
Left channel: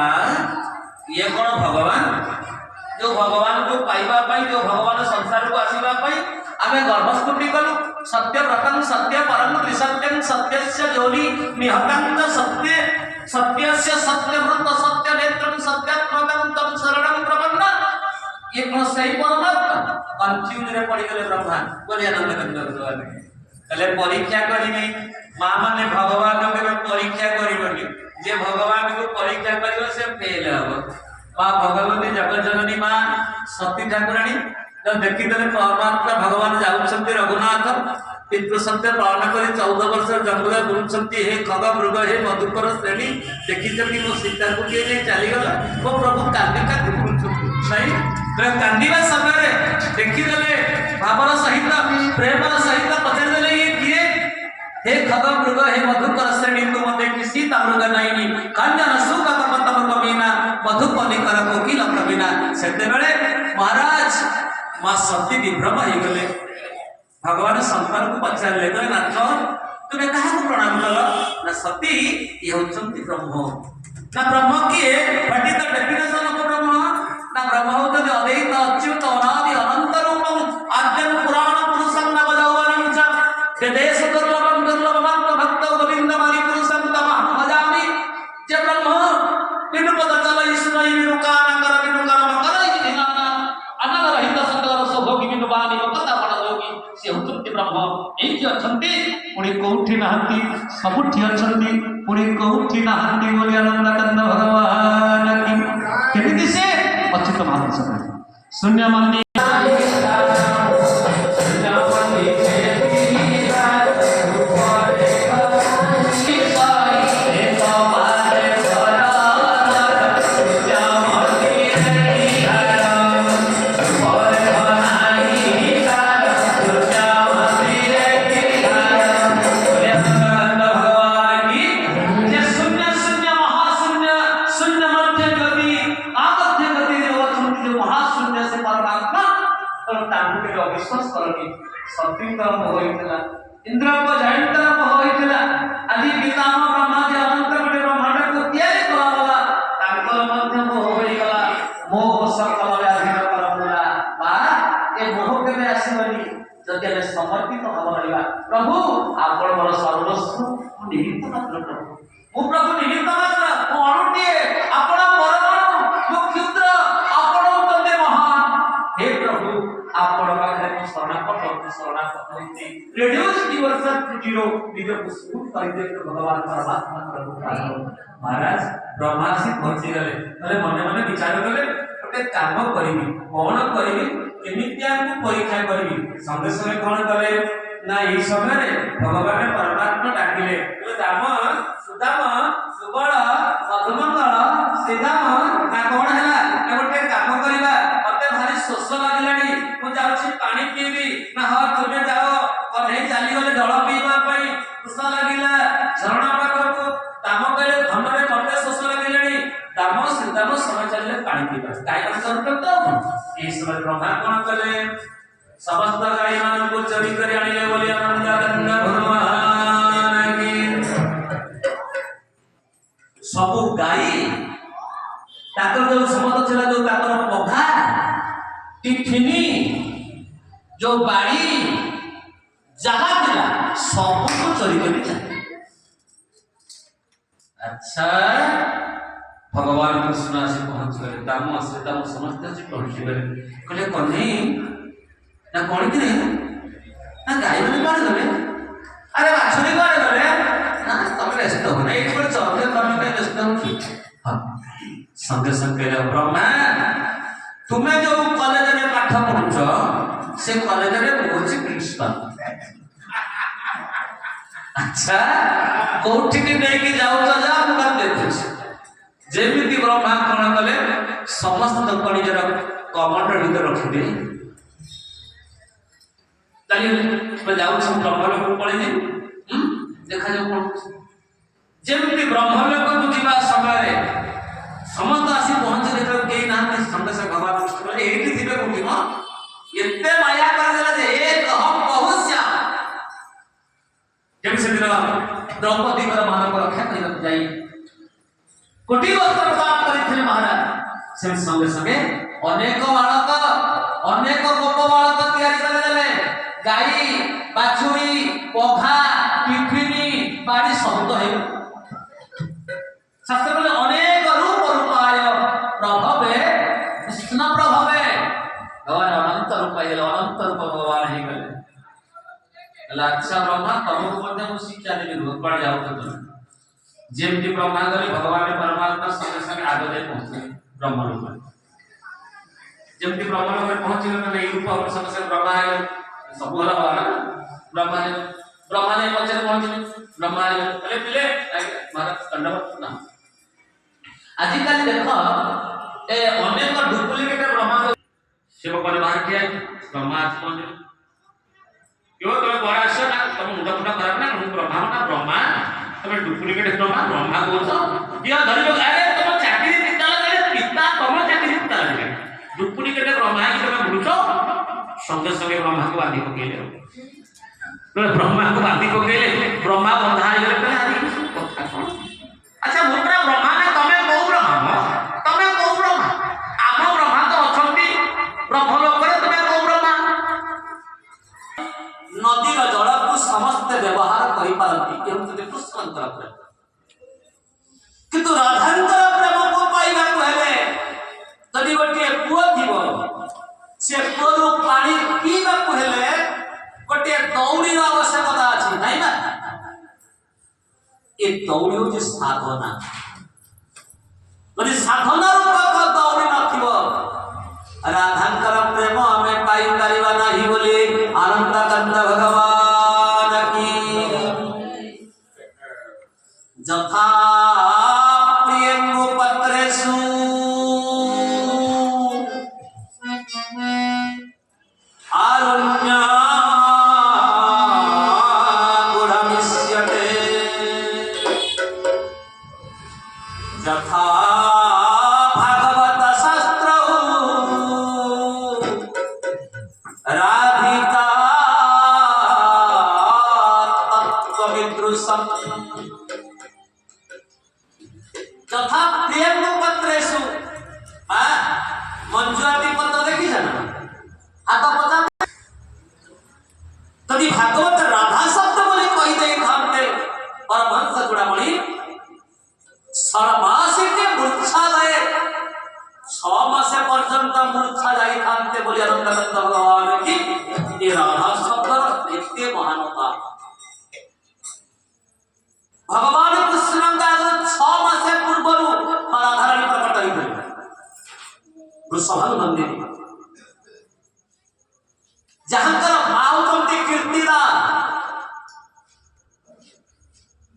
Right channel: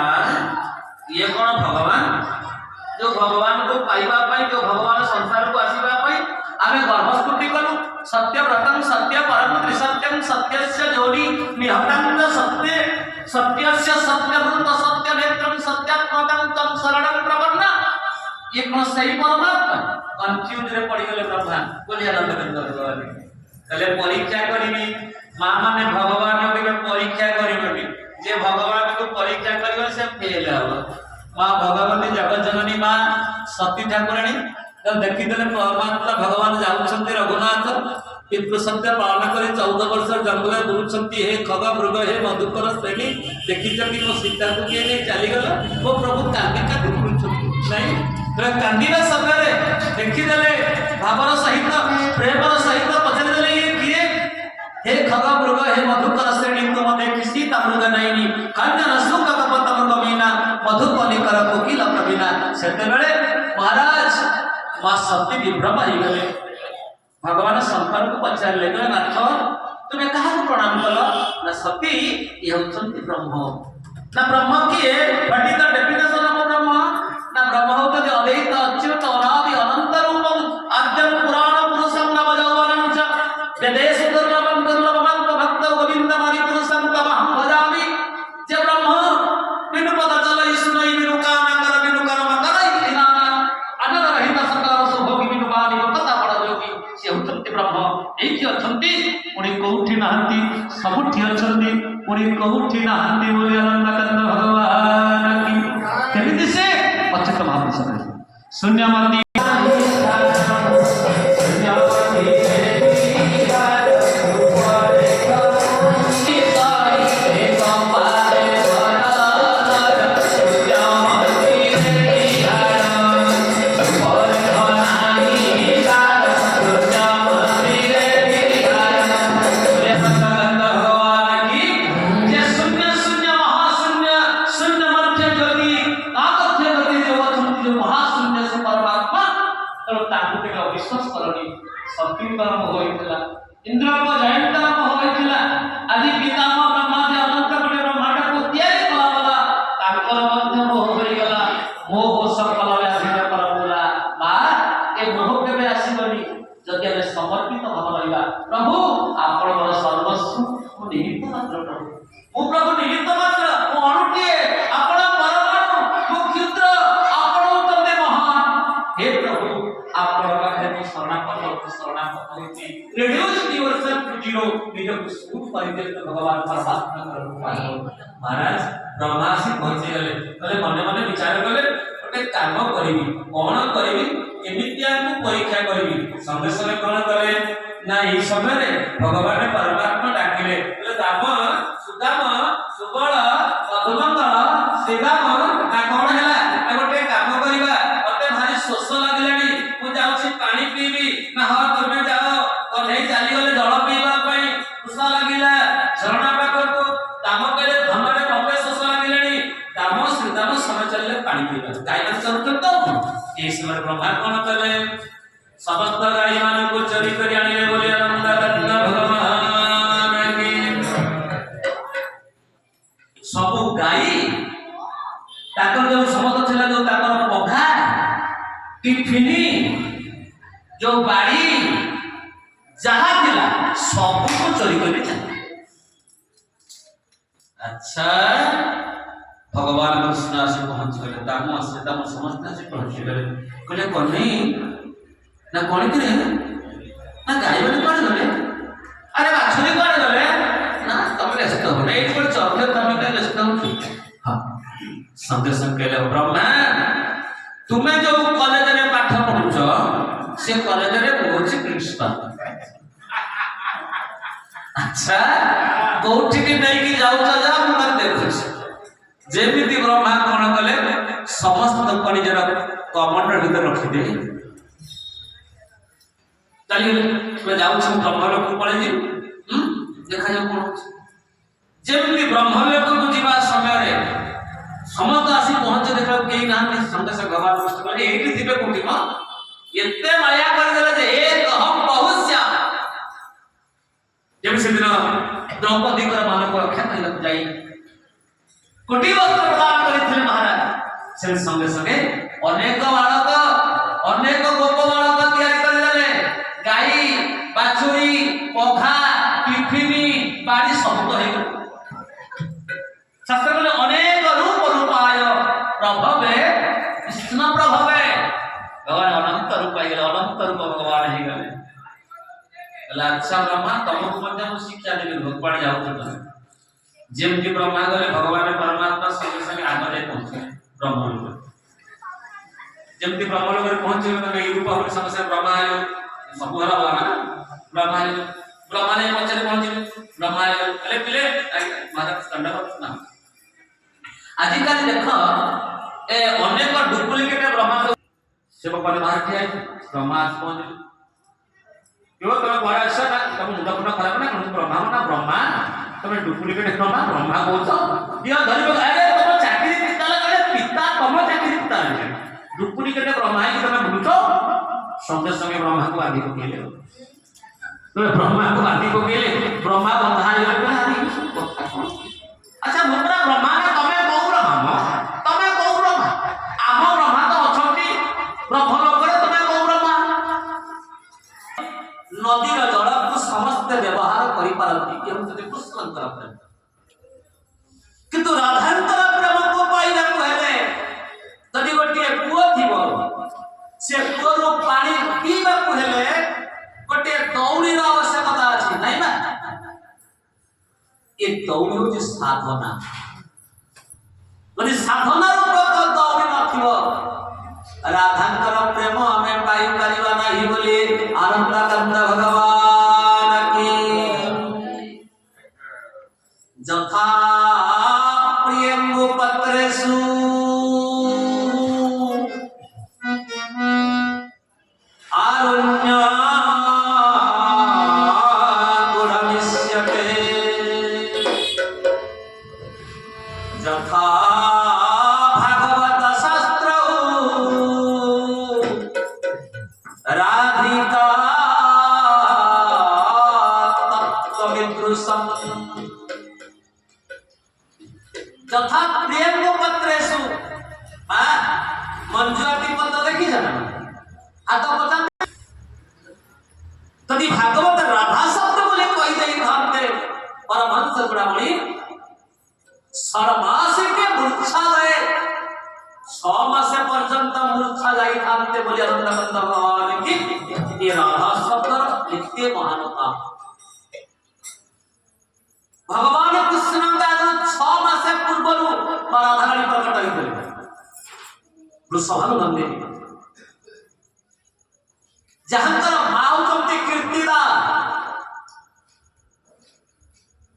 ये कौन भगवान जो भगवान को पाइबा पाई जो भगवान संसार को आसीबा पाई आमे गर्भस्फुटी करू सत्य व्रतम सत्य परम त्रिसत्यम सत्यस्य जोनि निहकांत सत्य सत्यस्य सत्यव्रत सत्य नेत्रम सत्यात्मकं तम शरणं प्रपन्न ये कौन सही परमात्मा कंफ्यूज रे पड़ी गले ब्रह्मा बोले आनंद कंद भगवान कले परीक्षा करिनी मां माने भगवान के परीक्षा करिवनी जे भगवान को परीक्षा करियो से फेल हो मां भगवती जगत जननी मां सती ठाकुरानी जब देखि देले परमात्मा भगवान जाउछंती रघुनाथ पितृ सत्य पालन करी 14 वर्ष जंगल बुलुछंती हे खग मृग हे मधुकर श्रेणी देखि जकी मो सीता को के ने चली गला वो प्रभु कांदी कांदी बुलुछंती नहीं रे कांदीबा समय रे देखि देले भावर सहित प्रेमर सहित पछरे देले ये किए हे खग मृग हे मधुकर श्रेणी तुम देखि सीता मृग नाइनी कन्या सुख कपत मृगमीना मधुपनि कर कोकिल कविना सेते बेले महाराज मां सती विभ्रम हो गले भगवान शंकर को पचारे नाथ तुम्हें कहा प्रणाम कल ना सती ये होचंती ब्रह्म ना ब्रह्म किए पंडित डेफिनेशन ऑफ ब्रह्म ना ब्रह्म होते अद्वैत अच्युत अनादि अनंत रूपम आद्यम पुराण पुरुषम नवयौवनम च वेदेश दुर्लभम दुर्लभम भक्त गोविंद मारि पुरुषम तमहं भजामि जे ब्रह्म बिनु पद चलई सुनई बिनु कान कर बिनु कर्म करई विनाना अनगर हित सकल रस भोगी बिनु बाणी कथा बड़ योगी से हुचंती ब्रह्म एठी अछंती पुणी कोठी नाहंती सबुठी अछंती पुणी कोठी नाहंती बोले आनंद कंद भगवान की केमिति से अच्युत महापुरुष शून्य मानी इंद्र को जयंत होइतिला आदि पितामह ब्रह्मा जे अनंत कोटि ब्रह्मांड को तैयारी कलाला ताकर मध्य मोह होई गला मोह सकल व्याधि परमुला बा ए मोह केबे आसीबनी जदि हम समर्पित भाव रहिबा प्रभु आपण मोर सर्वस्व मु निमित्त मात्र प्रभु ମୁଁ ପ୍ରଭୁ ନିମିତ୍ତ ମାତ୍ର, ମୁଁ ଅଣୁଟିଏ, ଆପଣ ପରମାଣୁ, ମୁଁ କ୍ଷୁଦ୍ର, ଆପଣ ହେଉଛନ୍ତି ମହାନ। ହେ ପ୍ରଭୁ, ଆପଣ ପାଖରେ ମୁଁ ଶରଣାପନ୍ନ ହୋଇଛି। ରିଡ୍ୟୁସ୍ ୟୁରସେଲ୍ଫ ଟୁ ଜିରୋ, ନିଜକୁ ଶୂନ୍ୟ କରିଦିଅନ୍ତୁ ଭଗବାନ ପରମାତ୍ମାଙ୍କର କୃପାରୁ। ମହାରାଜ ବ୍ରହ୍ମା ଆସି ପହଞ୍ଚିଗଲେ, କହିଲେ ମନେ ମନେ ବିଚାର କଲେ ଗୋଟେ କାମ କରିବି, କଣ କରିବି, କେମିତି ଆମକୁ ପରୀକ୍ଷା କରିବି। ସଙ୍ଗେ ସଙ୍ଗେ କଣ କଲେ ନା ଏହି ସମୟରେ ଭଗବାନ ପରମାତ୍ମା ଡାକିଲେ, ରାମ ସୁଦାମ ସୁବଳ ମଧୁମଙ୍ଗଳ ଶ୍ରୀରାମ, ନା କଣ ହେଲା ନା ଗୋଟେ କାମ କରିବା, ମତେ ଭାରି ଶୋଷ ଲାଗିଲାଣି, ମୁଁ ଯାଉଛି ପାଣି ପିଇବି। ନା ହଁ ତୁମେ ଯାଅ, କହ୍ନେଇ ଚାଲିଗଲେ ଜଳ ପିଇବା ପାଇଁ। ଶୋଷ ଲାଗିଲା ଝରଣା ପାଖକୁ, ଦାମ କହିଲେ ଧନରେ ମତେ ଶୋଷ ଲାଗିଲାଣି। ଦାମ ଶ୍ରୀଦାମ ସମୟ ଚାଲିଲେ ପାଣି ପିଇବା, ଗାଈ ମାନେ ଚରୁଛନ୍ତି ତ। ଏହି ସମୟରେ ବ୍ରହ୍ମା କଣ କଲେ, ସମସ୍ତ ଗାଈ ମାନଙ୍କୁ ଚୋରି କରି ଆଣିଲେ ବୋଲି ଆନନ୍ଦ ଭଗବାନ କି ସବୁ ଗାଈ ତାଙ୍କର ଯୋଉ ସମସ୍ତ ଥିଲା, ଯୋଉ ତାଙ୍କର ପଘା ଟିଫିନି ଯୋଉ ବାଡ଼ି ଯାହା ଥିଲା ସବୁକୁ ଚୋରି କରି ଚାଲେ। ଆଚ୍ଛା ଭଗବାନ କୃଷ୍ଣ ଆସି ପହଞ୍ଚିଗଲେ, ଦାମ ଶ୍ରୀଦାମ ସମସ୍ତେ ଆସି ପହଞ୍ଚିଗଲେ। କହିଲେ କହ୍ନେଇ ନା କଣ କି ନା ଗାଈ ମାନେ କୁଆଡେ ଗଲେ, ଆରେ ବାଛୁରୀ କୁଆଡେ ଗଲେ, ନା ତମେ ବ୍ୟସ୍ତ ହଉ ନା, ଏଇଠି ଗୋଟେ ଚକ୍ର, ତମେ କାହିଁ ବ୍ୟସ୍ତ ହଉଛ। ସଙ୍ଗେ ସଙ୍ଗେ ବ୍ରହ୍ମା, ତୁମେ ଯୋଉ କଲେଜରେ ପାଠ ପଢୁଛ ସେ କଲେଜରେ ମୁଁ ହଉଛି ପ୍ରିନ୍ସିପାଲ। ଆଚ୍ଛା କୋଉଠିକି ନେଇକି ଯାଉଛ ଯା, ମୁଁ ତାକୁ ଦେଖୁଛି। ଯେମିତି ବ୍ରହ୍ମା କଣ କଲେ, ସମସ୍ତ ନିଜର କମଣ୍ଡଳ ଭିତରେ ରଖିଦେଇ ଚାଲିଗଲେ। ଯାଉଛି ବ୍ରହ୍ମଲୋକକୁ ପଳେଇଯିବି, ଦେଖାଯାଉ କଣ ହଉଛି। ଯେମିତି ବ୍ରହ୍ମଲୋକକୁ ଯିବା ସମୟରେ ସମସ୍ତ ଆସି ପହଞ୍ଚି ଦେଖିବାକୁ କେହି ନାହାନ୍ତି। ସଙ୍ଗେ ସଙ୍ଗେ ଭଗବାନ କୃଷ୍ଣ କହିଲେ ଏଇଠି ଥିବେ କୋଉଠି ମ, ଏତେ ମାୟା କରିଦେଲା ଯେ ଏକ ହମ୍ ବହୁଶ୍ୟା। ଯେମିତି ସେଦିନ ଦ୍ରୌପଦୀଙ୍କର ମାନଙ୍କ ରକ୍ଷା କରିବାକୁ ଯାଇ କୋଟି ବସ୍ତ୍ର ପ୍ରଦାନ କରିଥିଲେ ମହାରାଜ, ସେମିତି ସଙ୍ଗେ ସଙ୍ଗେ ଅନେକ ବାଳକ, ଅନେକ ଗୋପ ବାଳକ ତିଆରି କରିଦେଲେ। ଗାଈ ବାଛୁରୀ ପଘା ଟିଫିନି ବାଡ଼ି ସବୁ ତ ହେଇଗଲା। ଶାସ୍ତ୍ର କହିଲେ ଅନେକ ରୂପ ରୂପାୟ ପ୍ରଭବେ କୃଷ୍ଣ ପ୍ରଭବେ, ଭଗବାନ ଅନନ୍ତ ରୂପ ହେଇଗଲେ, ଅନନ୍ତ ରୂପ ଭଗବାନ ହେଇଗଲେ। ଆଚ୍ଛା ବ୍ରହ୍ମା, ତମକୁ ମଧ୍ୟ ମୁଁ ଶିକ୍ଷା ଦେବି, କୁଆଡେ ଯାଉଛ ତମେ। ଯେମିତି ବ୍ରହ୍ମା ଗଲେ, ଭଗବାନ ପରମାତ୍ମା ସଙ୍ଗେ ସଙ୍ଗେ ଆଗ ଯାଇ ପହଞ୍ଚିଲେ ବ୍ରହ୍ମଲୋକ। ଯେମିତି ବ୍ରହ୍ମଲୋକରେ ପହଞ୍ଚିଲେ, ମାନେ ଏଇ ରୂପ ସଙ୍ଗେ ସଙ୍ଗେ ବ୍ରହ୍ମା ହେଲେ, ସବୁ ହେଲା ଭଗବାନ ବ୍ରହ୍ମା ହେଲେ। ବ୍ରହ୍ମା ନେଇ ପଛରେ ପହଞ୍ଚିଲେ, ବ୍ରହ୍ମା ହେଲେ କହିଲେ ପିଲେ ମହାରାଜ ଦଣ୍ଡବତ ନା। ଆଜିକାଲି ଦେଖ ଏ ଅନେକ ଡୁପ୍ଲିକେଟ ବ୍ରହ୍ମା ଶିବ ପରେ ବାହାର ଠିଆ, ବ୍ରହ୍ମା ଆସି ପହଞ୍ଚିଲେ। ତମେ ବଡ ଆସ ନା, ତମ ମୁଣ୍ଡ ଫୁଣ୍ଡ ଖରାପ ନା, ବ୍ରହ୍ମା ନା ବ୍ରହ୍ମା, ତମେ ଡୁପ୍ଲିକେଟ ବ୍ରହ୍ମା, ବ୍ରହ୍ମା କହୁଛ କିଏ ଧରିବ। ଆରେ ତମ ଚାକିରି ପିତା ଲଗାଲେ, ପିତା ତମ ଚାକିରି ପିତା ଲଗାଲେ, ଡୁପ୍ଲିକେଟ ବ୍ରହ୍ମା ହେଇକି ତମେ ବୁଲୁଛ। ସଙ୍ଗେ ସଙ୍ଗେ ବ୍ରହ୍ମାକୁ ଆଦି ପକେଇଲେ, ବ୍ରହ୍ମାକୁ ଆଦି ପକେଇଲେ, ବ୍ରହ୍ମା ବନ୍ଧା ହେଇଗଲେ। ଆଚ୍ଛା ମୁଁ ପୁରା ବ୍ରହ୍ମା ନା, ତମେ କୋଉ ବ୍ରହ୍ମା, ତମେ କୋଉ ବ୍ରହ୍ମା, ଆମ ବ୍ରହ୍ମା ତ ଅଛନ୍ତି ବ୍ରହ୍ମଲୋକରେ, ତମେ କୋଉ ବ୍ରହ୍ମା। ନଦୀର ଜଳକୁ ସମସ୍ତେ ବ୍ୟବହାର କରିପାରନ୍ତି, କେଉଁଠି କୃଷ୍ଣଙ୍କର ପ୍ରେମ, କିନ୍ତୁ ରାଧାଙ୍କର ପ୍ରେମକୁ ପାଇବାକୁ ହେଲେ ଯଦି ଗୋଟିଏ କୂଅ ଥିବ, ସେ କୂଅରୁ ପାଣି ପିଇବାକୁ ହେଲେ ଗୋଟିଏ ଦୌଡ଼ିର ଆବଶ୍ୟକତା ଅଛି, ନାଇଁ ନା। ଏ ଦୌଡ଼ି ହଉଛି ସାଧନା। ଯଦି ସାଧନା ରୂପକ ଦୌଡ଼ି ନଥିବ, ରାଧାଙ୍କର ପ୍ରେମ ଆମେ ପାଇପାରିବା ନାହିଁ ବୋଲି ଆନନ୍ଦ କାନ୍ଦ ଭଗବାନ କି ଯଥା ପ୍ରିୟଙ୍ଗୁ ପତ୍ରେଷୁ ଆରୁଣ୍ୟ গুড়ামিষ্যতে যথা ভাগবত শাস্ত্র রাধিকা তত্ত্ববিদৃশম যথা প্রিয়ঙ্গু পত্রেষু। মঞ্জুয়াতি পত্র দেখিছ না, হাত পচা যদি ভাগবত রাধা শব্দ বলে কই দেই ধরতে পরমহংস চূড়ামণি, षडमासिके मूर्छा गए 6 मासे पर्यंत मूर्छा जाई थांते बोली आनंदानंद भगवान की ये राधा शब्द एते महानता भगवान कृष्ण का 6 मासे पूर्व राधा रानी प्रकट होइले वृषभानु नंदिनी जहांकर माउ कमती कीर्तिदा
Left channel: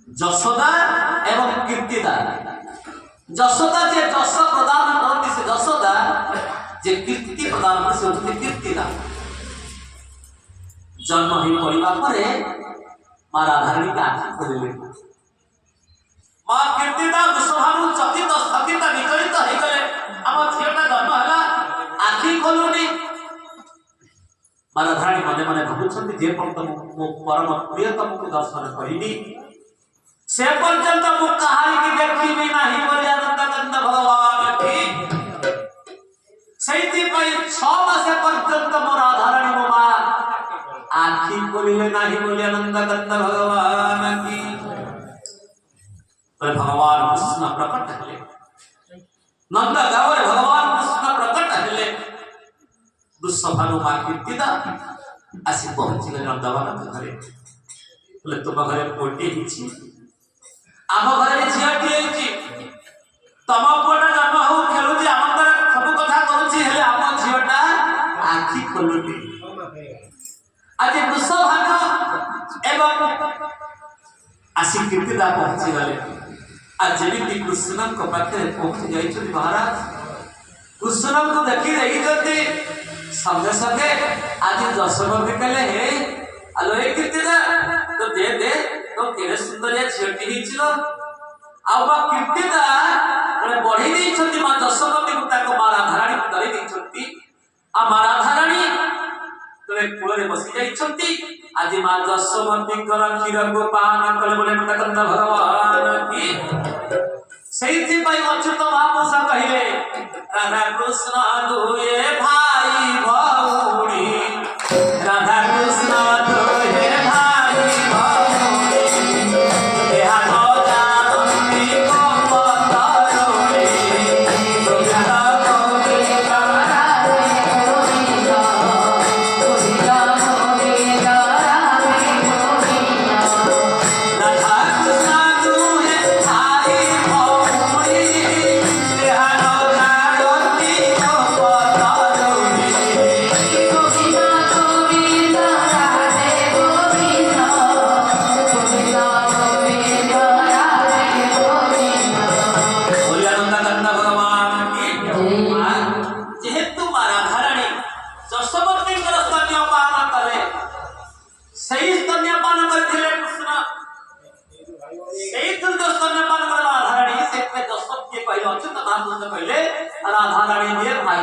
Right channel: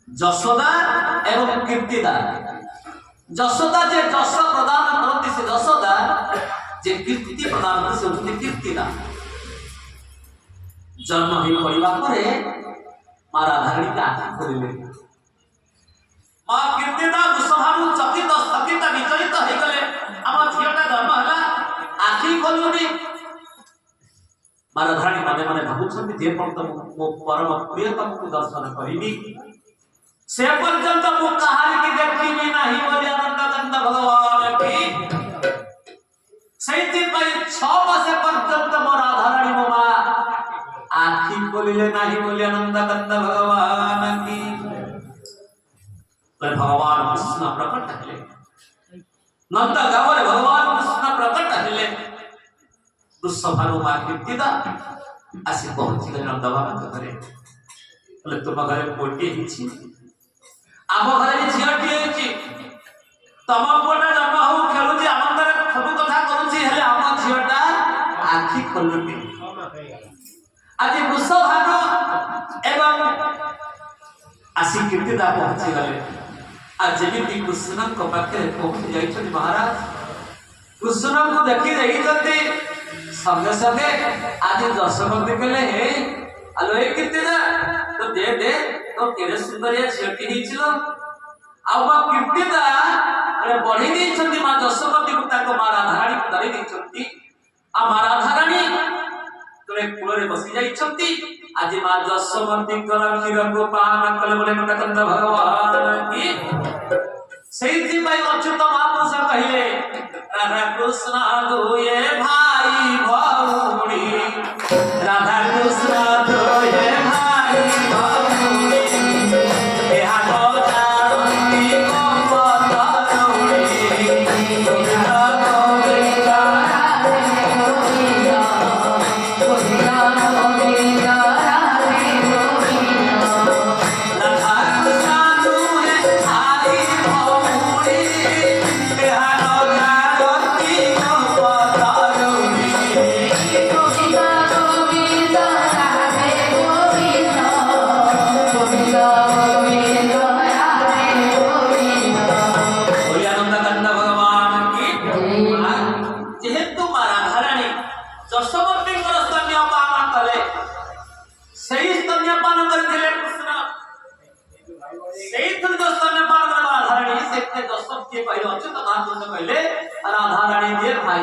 যশোদা এবং কীর্তিদা যশোদা যে যশ প্রদান করতে সে যশোদা যে কীর্তি প্রদান করে সে হচ্ছে কীর্তিদা জন্ম হয়ে পড়িবা পরে মা রাধারানীকে আঁখি খুলিলে মা কীর্তিদা বৃষভানু চকিত স্থগিত বিচলিত হয়ে গেলে আমার ঝিওটা জন্ম হলা আঁখি খোলুনি মা রাধারানী মনে মনে ভাবুଛନ୍ତି যে পরম প্রিয়তমକୁ দর্শନ କରିବି से पर्यंत मु कहानी की देखी नहीं बोले आनंदानंद भगवान की सही पई 6 मास पर्यंत मो राधारानी मो मा आखी खोलिले नहीं बोले आनंदानंद भगवान की तो भगवान कृष्ण प्रकट हले नंद गावर भगवान कृष्ण प्रकट हले वृषभानु मा कीर्तिदा आसी पहुंची गले नंद बाबा घरे बोले तुम घरे पोटी हिची आम घर झीटी होती तम पुआटा जन्म हो खेलुची आनंद सब कथा करुची आम झीटा आखि खोलुटी आज वृषभानु एवं आसी कीर्तिदा पहुंची गले आज जमी कृष्ण पाखे पहुंची जाइछथि महाराज कृष्ण को देखी रही संगे संगे आज जशोमती कहले हे आलो ए कीर्तिदा तो दे तो केरे सुंदरिया झीटी हिचिलो आबा कीर्तिदा रे बढ़ी दैछथि मा जशोमती को ताको मा राधारानी को धरि दैछथि आ मा राधारानी तले कुलरे बसी जाइछथि आज मा जशोमती कर क्षीर को पान कले बोले नंद भगवान की सेइथि पई अच्युत महापुरुष कहिले राधा कृष्ण दुए भाई भौणी राधा कृष्ण दुए भाई भौणी एहा न जानती को पतरोणी गोविंद गोविंद राधे गोविंद गोविंद गोविंद राधे गोविंद राधा कृष्ण दुए भाई भौणी एहा न जानती को पतरोणी गोविंद गोविंद राधे गोविंद गोविंद गोविंद राधे गोविंद बोले आनंदानंद भगवान की जेहेतु मा राधारानी जशोमती स्तन्यपान कले सही स्तन्यपान करथिले कृष्ण सही स्तन्यपान कले राधारानी से जशोमती कहले अच्युत महापुरुष कहले राधारानी दे भाई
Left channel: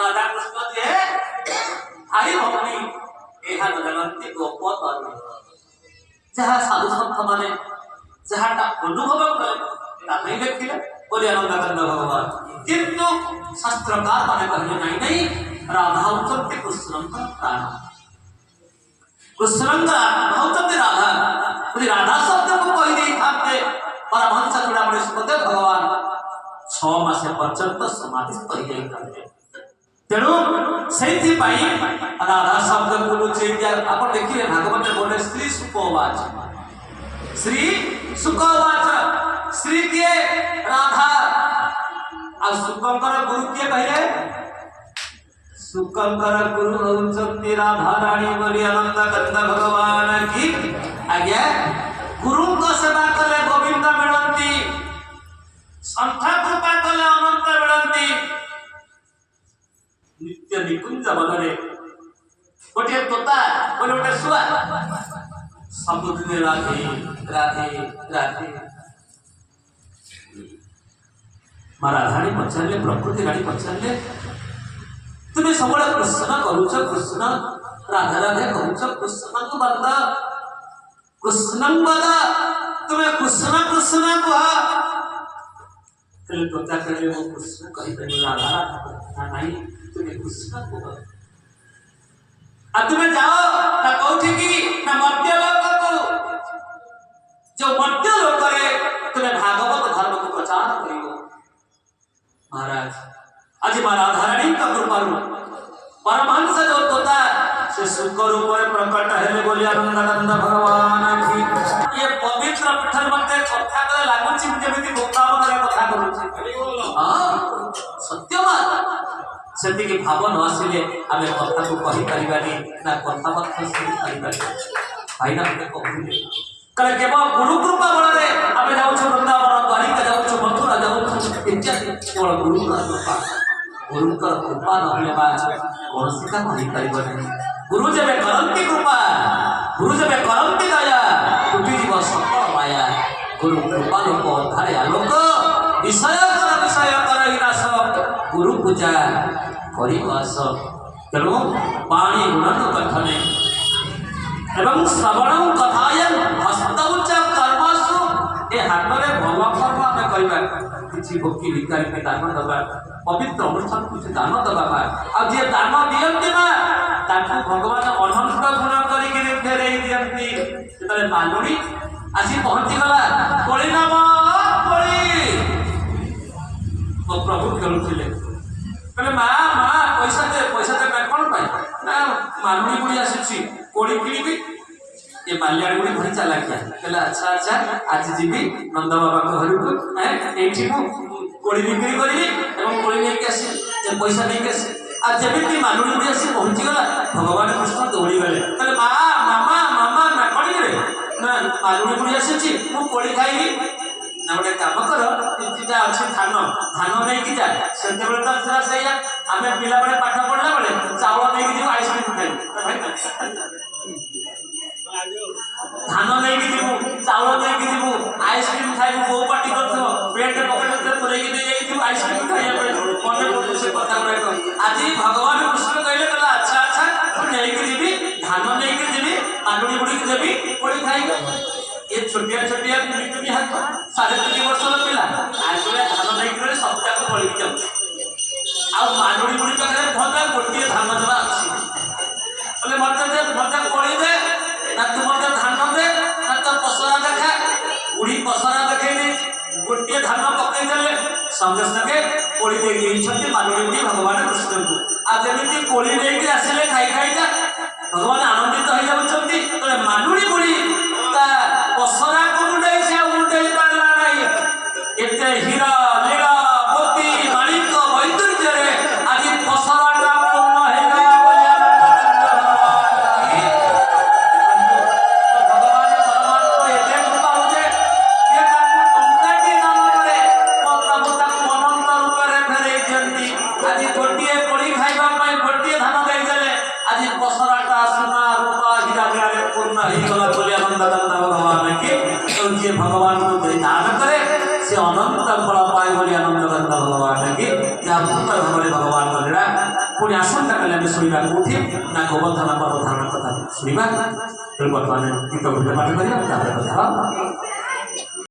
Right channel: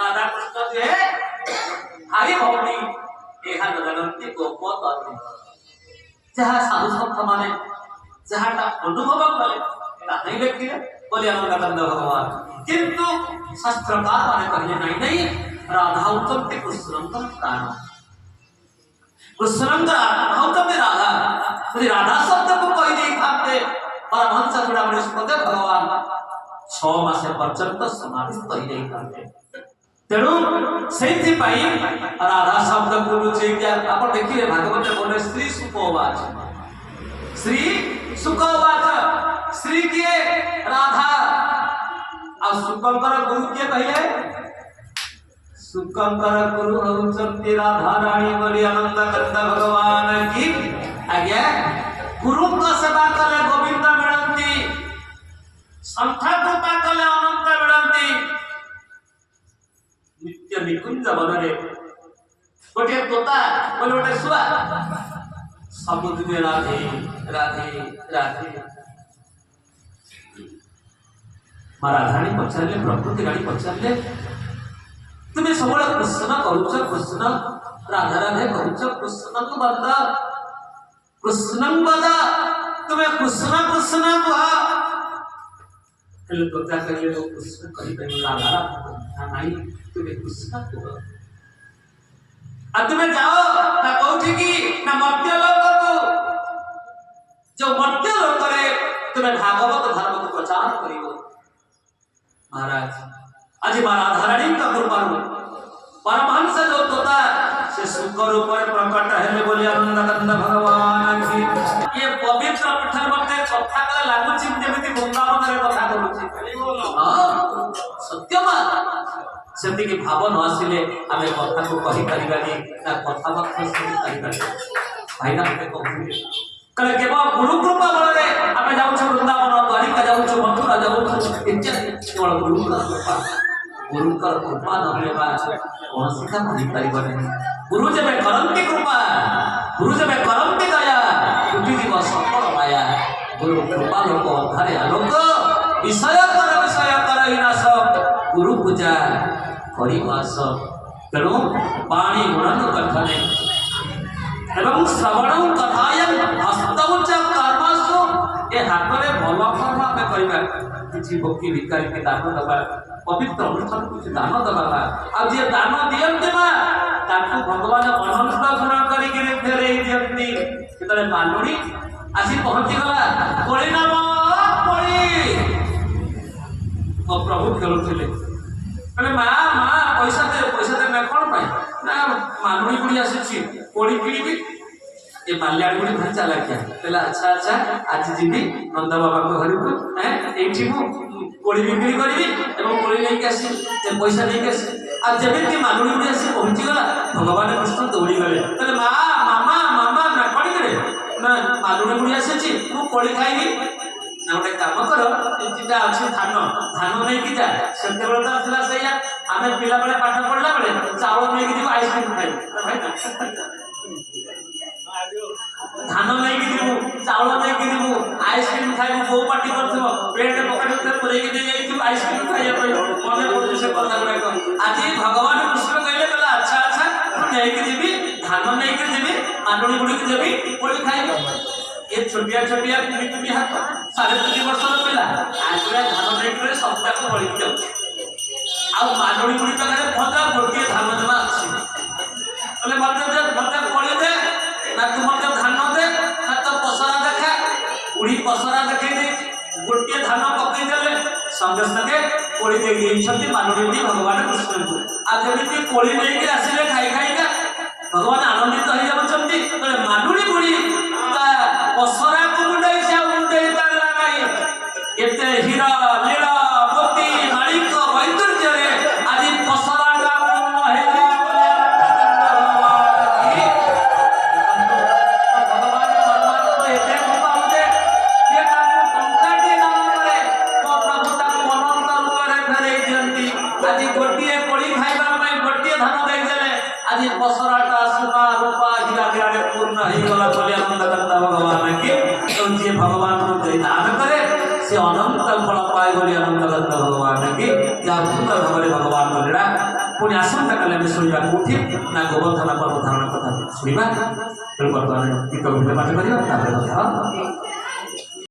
राधा कृष्ण दे भाई भौणी एहा जगन्ती गोपतरुणी जहाँ साधु संत माने जहाँटा अनुभव कले ताही देखिले बोले आनंदानंद भगवान किंतु शास्त्रकार माने कहले नहीं राधा उच्चते कृष्णंकर प्राण कृष्णंकर आत्मा उच्चते राधा यदि राधा शब्द को कहि देई थाते परमहंस चूड़ामणि सुखदेव भगवान 6 मास पर्यंत समाधिस्थ हो जाई थाते तेणु सेइथि पई राधा शब्द बोलुचे कि आपण देखिले भागवत बोले स्त्री सुखवाच श्री सुखवाच श्री किए राधा आ सुखंकर गुरु किए कहले सुखंकर गुरु होचंती राधा रानी बोली आनंदानंद भगवान की आज्ञा गुरु को सेवा कले गोविंद मिलंती संत कृपा कले अनंत मिलंती नित्य निकुंज बनरे गोटे तोता बोले गोटे सुआ सबुदिन राधे राधे राधे मा राधारानी पचारे प्रकृति रानी पचारे तुम्हें सब कृष्ण करुच कृष्ण राधा राधे करुच कृष्ण को बंद कृष्ण बदा तुम्हें कृष्ण कृष्ण कह तोता कहले वो कृष्ण कही राधा राधा नहीं तुम्हें कृष्ण कह अब तुम्हें जाओ ना कौठी की ना मर्त्य लोक को जो मर्त्य लोक रे तुम्हें भागवत धर्म को माँ राधारानी का कृपा परमहंस जो तोता से सुख रूप में प्रकट है बोली आनंदानंद भगवान की ये पवित्र पीठर मते कथा का लागु छी जेमिति वृंदावन रे कथा करूची हां सत्यमा सेति की भाव न आसिले आमे कथा को कहि परिबानी ना कथा बात सुनि परिबानी भाई ना मते कहू कले केवल गुरु कृपा बल रे आमे जाउ छ वृंदावन द्वारिका जाउ छ मथुरा जाउ छ इत्यादि केवल गुरु कृपा गुरु का कृपा न होले कौन सी काम नहीं परिबर नहीं गुरु जब करंती कृपा गुरु जब करंती दया टूटी जीव सफल माया गुरु कृपा लोक अधारे आलोक विषय कर हिनाश गुरु पूजा करिवास तेणु पाणी गुणन कथने एवं श्रवण कथायन हस्तौच कर्मसु ए हातरे भल कर्म आमे करिबा किछि भक्ति भिकारी के दान दबा पवित्र अनुष्ठान कुछ दान दबा आ जे दान दियंती ना ताकू भगवान अनंत गुण करी के फेरई दियंती तले मानुड़ी आसी पहुंची गला कोली नाम कोली ओ प्रभु खेलुथिले कहले मां पैसा दे मैं कोन पाई ना मानुड़ी गुडी आसी कोली किडी ये माल्याड़ी गुडी भाई चला क्या कहला अच्छा आज जीवी नंद बाबा को घर को एठी मु कोली बिक्री करी एवं कोली नहीं कैसे जब पैसा नहीं कैसे आज जब मानुड़ी गुडी आसी पहुंची गला भगवान कृष्ण दौड़ी गले कहले मामा ना कोडी करे ना मानुड़ी गुडी आसी मु कोली खाइबी ना गोटे काम कर जा अच्छी धान नहीं कि जा से तो था सही आम पिला बेले पाठ पढ़ला बेले चावल नहीं कि आइसक्रीम खाई धान नहीं कि जीवु चावल नहीं कि जीवु आइसक्रीम खाइबु बो पार्टी करथो पेट पकड़ के पुरई के दे आइसक्रीम खाइया मने पड़े से कथा गुडा आज भगवान कृष्ण कहले कहला अच्छा नहीं कि जीवी धान नहीं कि जीवी आंडुड़ी गुडी के देबी कोड़ी खाइबे ये छोटिया तुम्हें हाथ 3.5 वर्ष पिला आज धान नहीं करे सप्ताह को बड़ी जाऊ आ मानुड़ी गुडी पाखे भद्रा गोटे धान देवा अच्छी बोले मत कोड़ी दे ना तू मत धान दे ना तो पसरा देखा गुड़ी पसरा देखे गोटे धान पकई देले संगे संगे कोड़ी दे मानुड़ी गुडी भगवान कृष्ण को आ जमी कोड़ी नहीं आसिले खाई खाईका भगवान आनंदित हो जाउछंती मानुड़ी गुडी पसरा को मुंडे से मुंडे पारला नहीं एते हीरा लीला मोती माणिक वैदुर्य रे आज पसरा का पूर्ण हेला बोले भगवान परमात्मा एते कृपा होजे ये ताकू टंका के दान करे ओ प्रभु ताकू अनंत रूप रे फेरे दियंती आज गोटिए कोड़ी खाइबा पई गोटिए धान देई देले आज पसराटा सोना रूपा हीरा रे पूर्ण हे गला बोले आनंद करता भगवान के जे भगवान को दान करे से अनंत फल पाए बोले आनंद करता भगवान के जा भूत भगवान भगवान बोलेरा पुणी आसंता काले में सुनिबा कोठी ना गोवर्धन पर्व धारण कथा सुनिबा तो वर्तमान गीत पाठ करियो तापर कथा